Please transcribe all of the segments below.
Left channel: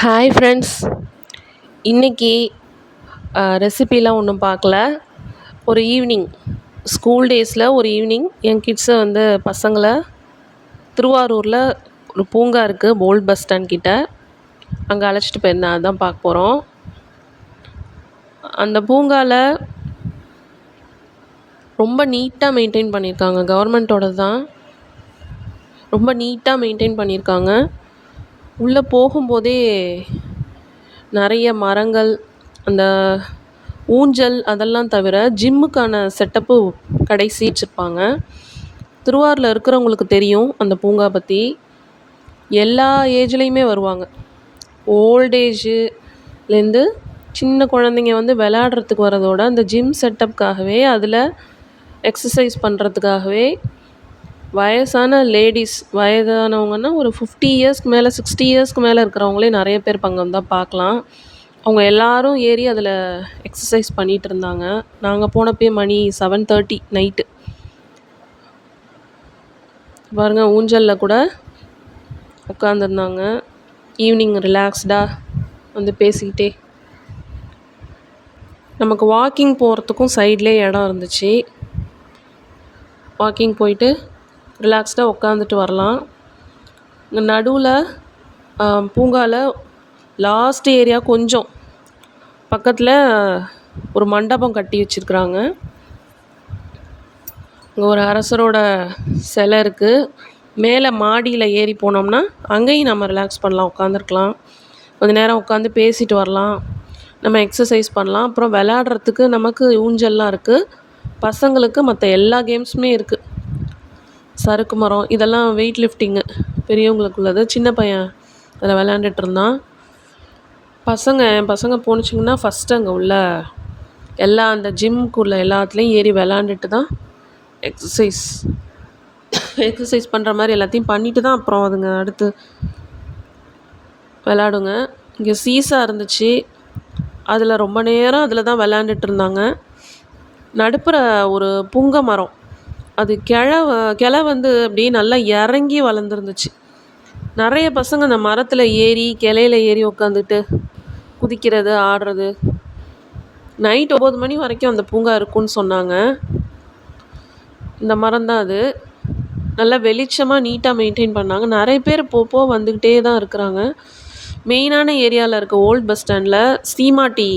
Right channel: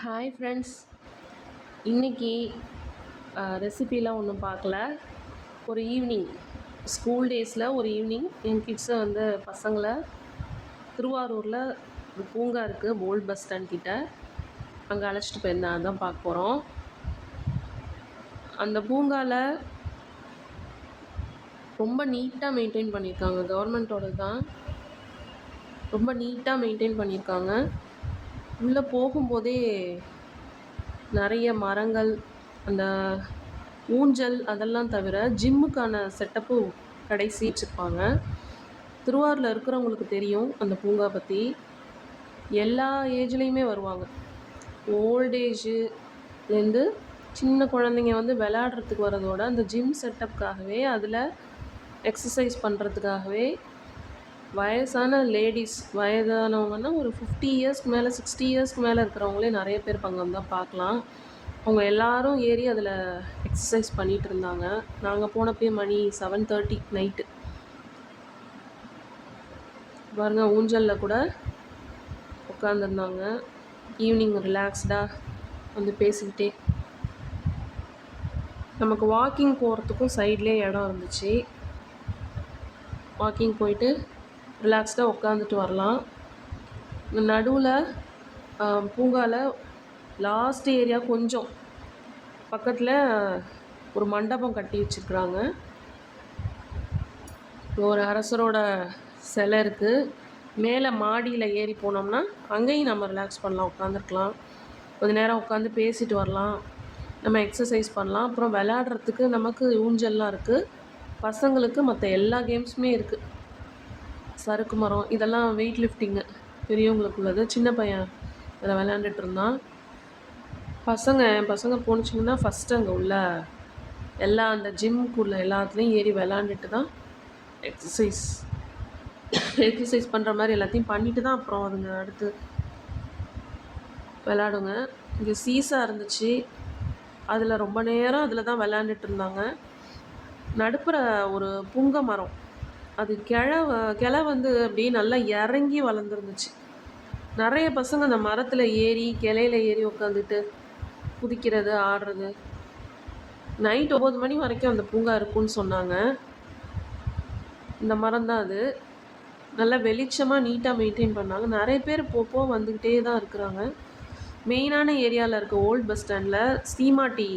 Hi friends. இன்றைக்கி ரெசிபிலாம் ஒன்றும் பார்க்கல. ஒரு ஈவினிங் ஸ்கூல் டேஸில் ஒரு ஈவினிங் என் கிட்ஸை பசங்களை திருவாரூரில் ஒரு பூங்கா இருக்குது, போல்ட் பஸ் ஸ்டாண்ட் கிட்ட. அங்கே அழைச்சிட்டு போயிருந்தேன். அதுதான் பார்க்க போகிறோம். அந்த பூங்காவில் ரொம்ப நீட்டாக மெயின்டைன் பண்ணியிருக்காங்க. கவர்மெண்ட்டோட தான். ரொம்ப நீட்டாக மெயின்டைன் பண்ணியிருக்காங்க. உள்ளே போகும்போதே நிறைய மரங்கள், அந்த ஊஞ்சல் அதெல்லாம் தவிர ஜிம்முக்கான செட்டப்பு கடைசி வச்சுருப்பாங்க. திருவாரூரில் இருக்கிறவங்களுக்கு தெரியும் அந்த பூங்கா பற்றி. எல்லா ஏஜ்லேயுமே வருவாங்க. ஓல்டேஜுலேருந்து சின்ன குழந்தைங்க விளையாடுறதுக்கு வரதோட அந்த ஜிம் செட்டப்புக்காகவே, அதில் எக்ஸசைஸ் பண்ணுறதுக்காகவே வயசான லேடிஸ், வயதானவங்கன்னா ஒரு 50 இயர்ஸ்க்கு மேலே, 60 இயர்ஸ்க்கு மேலே இருக்கிறவங்களே நிறைய பேர் அங்கே வந்தால் பார்க்கலாம். அவங்க எல்லோரும் ஏறி அதில் எக்ஸசைஸ் பண்ணிகிட்டு இருந்தாங்க. நாங்கள் போனப்போ மணி 7:30 நைட்டு. பாருங்கள், ஊஞ்சலில் கூட உட்காந்துருந்தாங்க. ஈவினிங் ரிலாக்ஸ்டாக பேசிக்கிட்டே. நமக்கு வாக்கிங் போகிறதுக்கும் சைட்லேயே இடம் இருந்துச்சு. வாக்கிங் போயிட்டு ரிலாக்ஸ்டாக உட்காந்துட்டு வரலாம். இந்த நடுவில் பூங்காவில் லாஸ்ட் ஏரியா கொஞ்சம் பக்கத்தில் ஒரு மண்டபம் கட்டி வச்சுருக்குறாங்க. இங்கே ஒரு அரசரோட சிலை இருக்குது. மேலே மாடியில் ஏறி போனோம்னா அங்கேயும் நம்ம ரிலாக்ஸ் பண்ணலாம், உட்காந்துருக்கலாம். கொஞ்சம் நேரம் உட்காந்து பேசிட்டு வரலாம், நம்ம எக்ஸசைஸ் பண்ணலாம். அப்புறம் விளையாடுறதுக்கு நமக்கு ஊஞ்சல்லாம் இருக்குது. பசங்களுக்கு மற்ற எல்லா கேம்ஸுமே இருக்குது. சறுக்கு மரம் இதெல்லாம் வெயிட் லிஃப்டிங்கு பெரியவங்களுக்கு உள்ளது. சின்ன பையன் அதில் விளையாண்டுட்டு இருந்தான். என் பசங்க போணுச்சிங்கன்னா ஃபஸ்ட்டு அங்கே உள்ள எல்லா அந்த ஜிம்முக்குள்ள எல்லாத்துலேயும் ஏறி விளாண்டுட்டு தான் எக்ஸசைஸ் பண்ணுற மாதிரி எல்லாத்தையும் பண்ணிட்டு தான் அப்புறம் அதுங்க அடுத்து விளாடுங்க. இங்கே சீசா இருந்துச்சு. அதில் ரொம்ப நேரம் அதில் தான் விளாண்டுட்டு இருந்தாங்க. நடுப்புற ஒரு புங்க மரம், அது கிளை அப்படியே நல்லா இறங்கி வளர்ந்துருந்துச்சு. நிறைய பசங்க அந்த மரத்தில் ஏறி கிளையில் ஏறி உட்காந்துட்டு குதிக்கிறது, ஆடுறது. நைட் 9 மணி வரைக்கும் அந்த பூங்கா இருக்குன்னு சொன்னாங்க. இந்த மரம் தான் அது. நல்லா வெளிச்சமாக நீட்டாக மெயின்டைன் பண்ணாங்க. நிறைய பேர் போப்போ வந்துக்கிட்டே தான் இருக்கிறாங்க. மெயினான ஏரியாவில் இருக்க ஓல்ட் பஸ் ஸ்டாண்டில் சீமாட்டி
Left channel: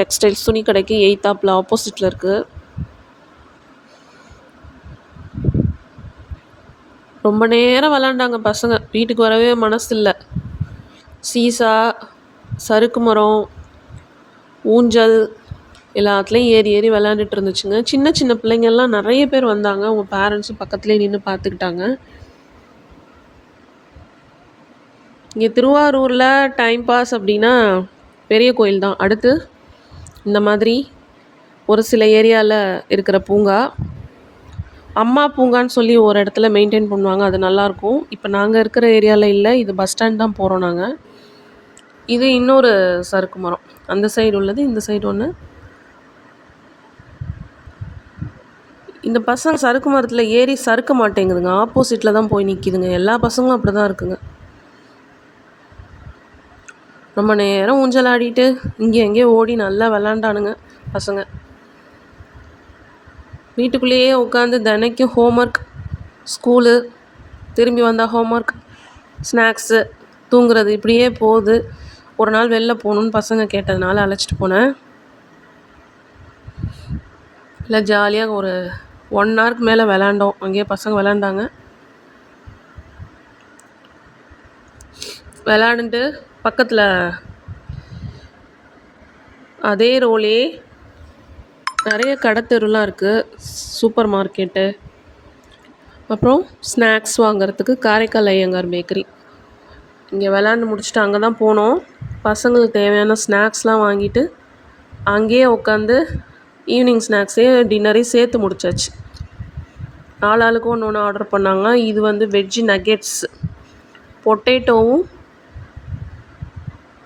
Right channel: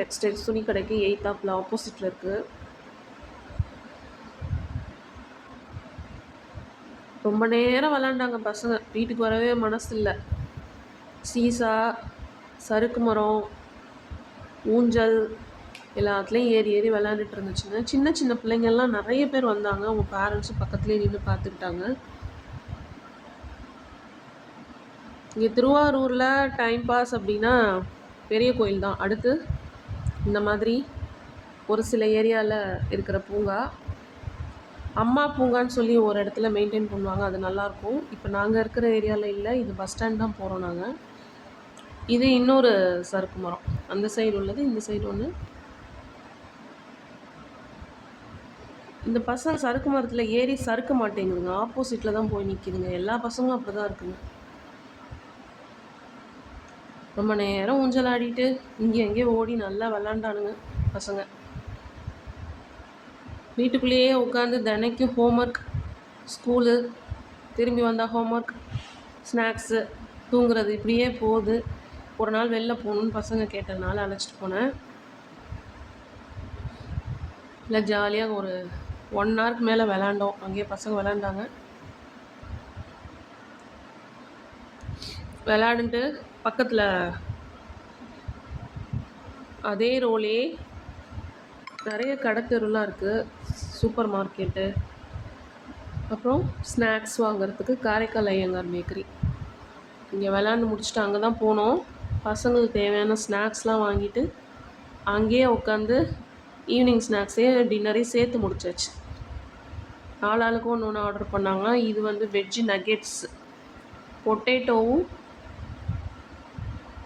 டெக்ஸ்டைல்ஸ் துணி கடைக்கு எய்த்தாப்பில் ஆப்போசிட்டில் இருக்குது. ரொம்ப நேரம் விளாண்டாங்க பசங்க. வீட்டுக்கு வரவே மனசு இல்லை. சீசா, சறுக்கு மரம், ஊஞ்சல் எல்லாத்துலேயும் ஏறி ஏறி விளாண்டுட்டு இருந்துச்சுங்க. சின்ன சின்ன பிள்ளைங்கள்லாம் நிறைய பேர் வந்தாங்க. அவங்க பேரண்ட்ஸும் பக்கத்துலேயே நின்று பார்த்துக்கிட்டாங்க. இங்கே திருவாரூரில் டைம் பாஸ் அப்படின்னா பெரிய கோயில் தான். அடுத்து இந்த மாதிரி ஒரு சில ஏரியாவில் இருக்கிற பூங்கா, அம்மா பூங்கான்னு சொல்லி ஒரு இடத்துல மெயின்டைன் பண்ணுவாங்க. அது நல்லாயிருக்கும். இப்போ நாங்கள் இருக்கிற ஏரியாவில் இல்லை. இது பஸ் ஸ்டாண்ட் தான் போகிறோம் நாங்கள். இது இன்னொரு சறுக்கு மரம். அந்த சைடு உள்ளது, இந்த சைடு ஒன்று. இந்த பசங்க சறுக்கு மரத்தில் ஏறி சறுக்க மாட்டேங்குதுங்க. ஆப்போசிட்டில் தான் போய் நிற்கிதுங்க. எல்லா பசங்களும் அப்படி தான் இருக்குங்க. ரொம்ப நேரம் ஊஞ்சல் ஆடிட்டு இங்கே எங்கேயோ ஓடி நல்லா விளாண்டானுங்க பசங்க. வீட்டுக்குள்ளேயே உட்காந்து தினைக்கும் ஹோம்ஒர்க், ஸ்கூலு, திரும்பி வந்தால் ஹோம்ஒர்க், ஸ்நாக்ஸு, தூங்குறது, இப்படியே போகுது. ஒரு நாள் வெளில போகணுன்னு பசங்க கேட்டதுனால அழைச்சிட்டு போனேன். இல்லை, ஜாலியாக ஒரு 1 ஹவருக்கு மேலே விளாண்டோம். அங்கேயே பசங்க விளாண்டாங்க. விளாண்டுட்டு பக்கத்தில் அதே ரோலே நிறைய கடத்தெருலாம் இருக்குது. சூப்பர் மார்க்கெட்டு, அப்புறம் ஸ்நாக்ஸ் வாங்கிறதுக்கு காரைக்கால் ஐயங்கார் பேக்கரி. இங்கே விளாண்டு முடிச்சுட்டு அங்கே தான் போனோம். பசங்களுக்கு தேவையான ஸ்நாக்ஸ்லாம் வாங்கிட்டு அங்கேயே உட்காந்து ஈவினிங் ஸ்நாக்ஸே டின்னரையும் சேர்த்து முடிச்சாச்சு. 4 ஆளுக்கு ஒன்று ஒன்று ஆர்டர் பண்ணாங்க. இது வெஜ்ஜு நக்கெட்ஸ், பொட்டேட்டோவும்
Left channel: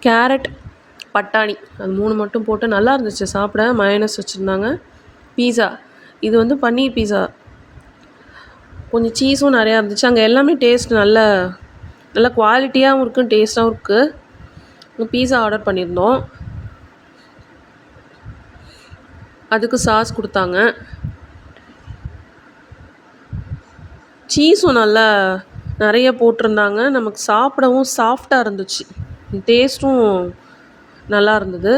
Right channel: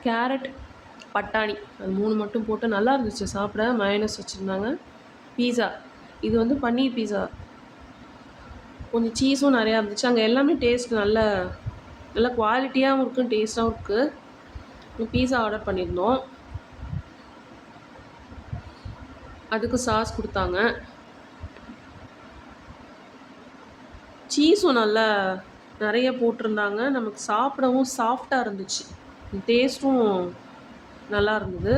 கேரட், பட்டாணி, அது 3 மட்டும் போட்டு நல்லா இருந்துச்சு சாப்பிட. மயோனஸ் வச்சுருந்தாங்க. பீஸா, இது பன்னீர் பீஸா, கொஞ்சம் சீஸும் நிறையா இருந்துச்சு. அங்கே எல்லாமே டேஸ்ட் நல்ல குவாலிட்டியாகவும் இருக்குது, டேஸ்ட்டாகவும் இருக்குது. பீஸா ஆர்டர் பண்ணியிருந்தோம். அதுக்கு சாஸ் கொடுத்தாங்க. சீஸும் நல்லா நிறைய போட்டிருந்தாங்க. நமக்கு சாப்பிடவும் சாஃப்டாக இருந்துச்சு. டேஸ்ட்டும் நல்லா இருந்தது.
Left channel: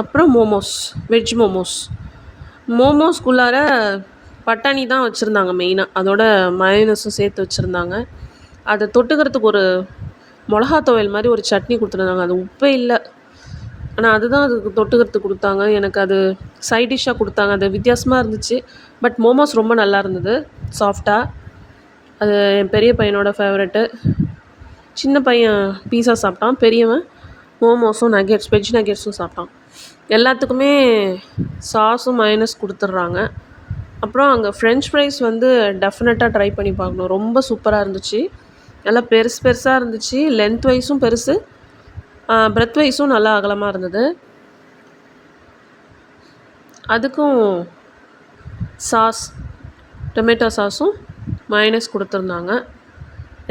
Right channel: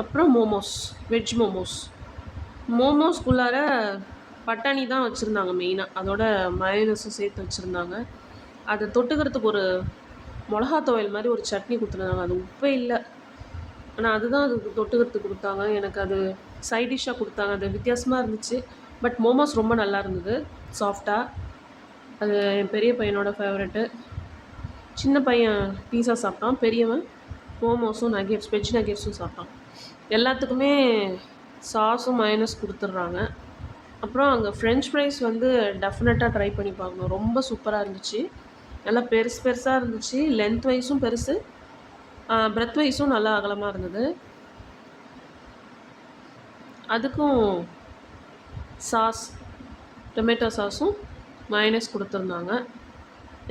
அப்புறம் மோமோஸ், வெஜ் மோமோஸ். மோமோஸ்குள்ளார பட்டாணி தான் வச்சுருந்தாங்க மெயினாக. அதோட மயோனஸும் சேர்த்து வச்சுருந்தாங்க. அதை தொட்டுக்கிறதுக்கு ஒரு மிளகா துவையல் மாதிரி ஒரு சட்னி கொடுத்துருந்தாங்க. அது உப்பே இல்லை. ஆனால் அதுதான் அதுக்கு தொட்டுக்கிறதுக்கு கொடுத்தாங்க. எனக்கு அது சைட் டிஷ்ஷாக கொடுத்தாங்க. அது வித்தியாசமாக இருந்துச்சு. பட் மோமோஸ் ரொம்ப நல்லா இருந்தது, சாஃப்டாக. அது என் பெரிய பையனோட ஃபேவரெட்டு. சின்ன பையன் பீஸா சாப்பிட்டான். பெரியவன் மோமோஸும் நகெட்ஸ், வெஜ் நகெட்ஸும் சாப்பிட்டான். எல்லாத்துக்குமே சாஸும் மயோனஸ் கொடுத்துட்றாங்க. அப்புறம் அங்கே ஃப்ரெஞ்ச் ஃப்ரைஸ் வந்து டெஃபினட்டாக ட்ரை பண்ணி பார்க்கணும். ரொம்ப சூப்பராக இருந்துச்சு. நல்லா பெருசு பெருசாக இருந்துச்சு. லென்த் வைஸும் பெருசு, பிரெத் வைஸும் நல்லா அகலமாக இருந்தது. அதுக்கும் சாஸ், டொமேட்டோ சாஸும் மயோனஸ் கொடுத்துருந்தாங்க.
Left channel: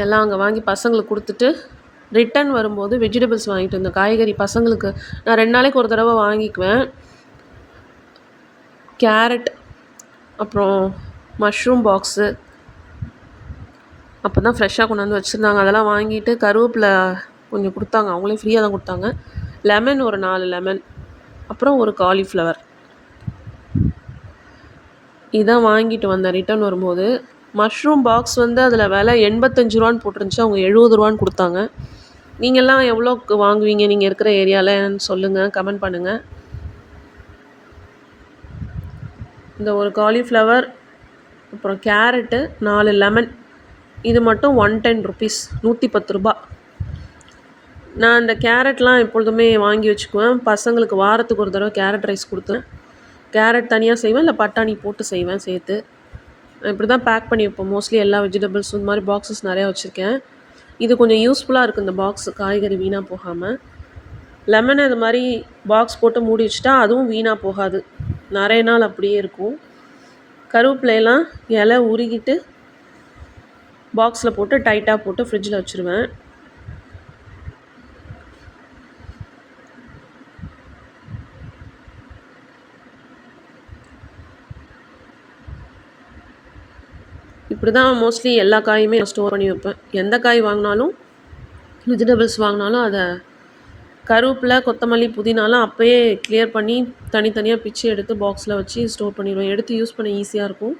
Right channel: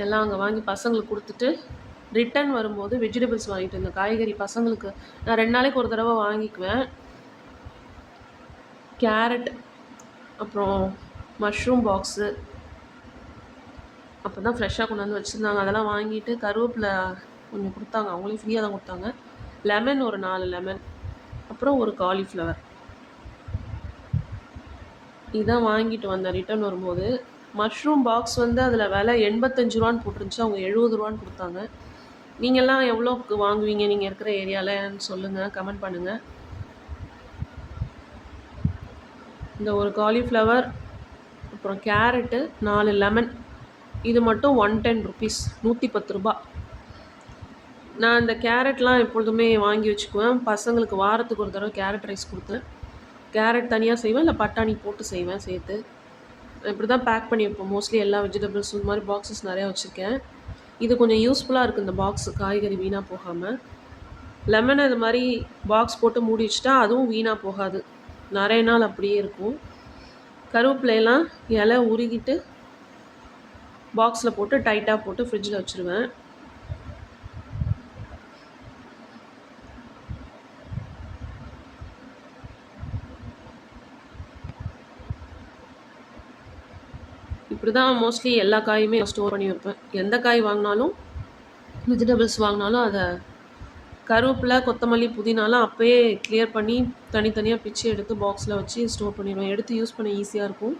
எல்லாம் அங்கே வாங்கி பசங்களுக்கு கொடுத்துட்டு ரிட்டன் வரும்போது வெஜிடபிள்ஸ் வாங்கிட்டு வந்தேன். காய்கறி பசங்களுக்கு நான் 2 நாளைக்கு ஒரு தடவை வாங்கிக்குவேன். கேரட், அப்புறம் மஷ்ரூம் பாக்ஸு அப்போ தான் ஃப்ரெஷ்ஷாக கொண்டு வந்து வச்சுருந்தாங்க. அதெல்லாம் வாங்கிட்டு கருவேப்பிலை கொஞ்சம் கொடுத்தாங்க. அவங்களே ஃப்ரீயாக தான் கொடுத்தாங்க. லெமன் ஒரு 4 லெமன், அப்புறம் ஒரு காலிஃப்ளவர். இதான் வாங்கிட்டு வந்தேன் ரிட்டன் வரும்போது. மஷ்ரூம் பாக்ஸ் வந்து அதில் விலை 85 ரூபான்னு போட்டிருந்துச்சு. அவங்க 70 ரூபான்னு கொடுத்தாங்க. நீங்கள்லாம் எவ்வளோக்கு வாங்குவீங்க நீங்கள் இருக்கிற ஏரியாவில்ன்னு சொல்லுங்கள், கமெண்ட் பண்ணுங்கள். இந்த ஒரு காலிஃப்ளவர், அப்புறம் கேரட்டு, 4 லெமன், இது மட்டும் 110 ருபீஸ், 110 ரூபா. நான் இந்த கேரட்லாம் எப்பொழுதுமே வாங்கி வச்சுக்குவேன். பசங்களுக்கு வாரத்துக்கு ஒரு தடவை கேரட் ரைஸ் கொடுத்தேன். கேரட் தனியாக செய்வேன், இல்லை பட்டாணி போட்டு செய்வேன் சேர்த்து. இப்படி தான் பேக் பண்ணி வைப்போம் மோஸ்ட்லி எல்லா வெஜிடபிள்ஸும். இந்த மாதிரி பாக்ஸஸ் நிறையா வச்சுருக்கேன். இது கொஞ்சம் யூஸ்ஃபுல்லாக இருக்குது இந்த பாக்ஸு, காய்கறி வீணாக போகாமல். லெமனை இது மாதிரி பாக்ஸ் போட்டு மூடி வச்சுட்டா அதுவும் வீணாக போகாது, நிறைய நாள் அப்படியே இருக்கும். கருவேப்பிலையெல்லாம் இலை உருகிட்டு பாக்ஸில் போட்டு டைட்டாக போட்டு ஃப்ரிட்ஜில் வச்சுருவேன். இப்படி தான் மோஸ்ட்லி எல்லா காயுமே ஸ்டோர் பண்ணி வைப்பேன். எந்த காய் வாங்கினாலும், வெஜிடபிள்ஸ் வாங்கினாலும் அதை கருவேப்பிலை, கொத்தமல்லி, புதினாலாம் அப்போயே கிளியர் பண்ணி தனித்தனியாக பிச்சு எடுத்து பாக்ஸில் வச்சு ஸ்டோர் பண்ணிடுவேன். எடுத்து யூஸ் பண்ண ஈஸியாக இருக்கும்.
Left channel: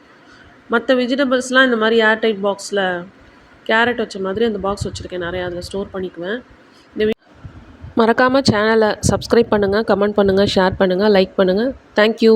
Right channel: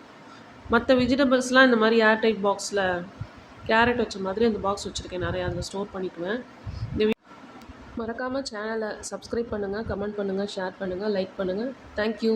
மற்ற வெஜிடபிள்ஸ்லாம் இந்த மாதிரி ஏர்டைட் பாக்ஸில் கேரட் வச்ச மாதிரி அந்த பாக்ஸ் வச்சுருக்கேன் நிறையா, அதில் ஸ்டோர் பண்ணிக்குவேன். மறக்காமல் சேனலை சப்ஸ்கிரைப் பண்ணுங்கள், கமெண்ட் பண்ணுங்கள், ஷேர் பண்ணுங்கள், லைக் பண்ணுங்கள். தேங்க்யூ.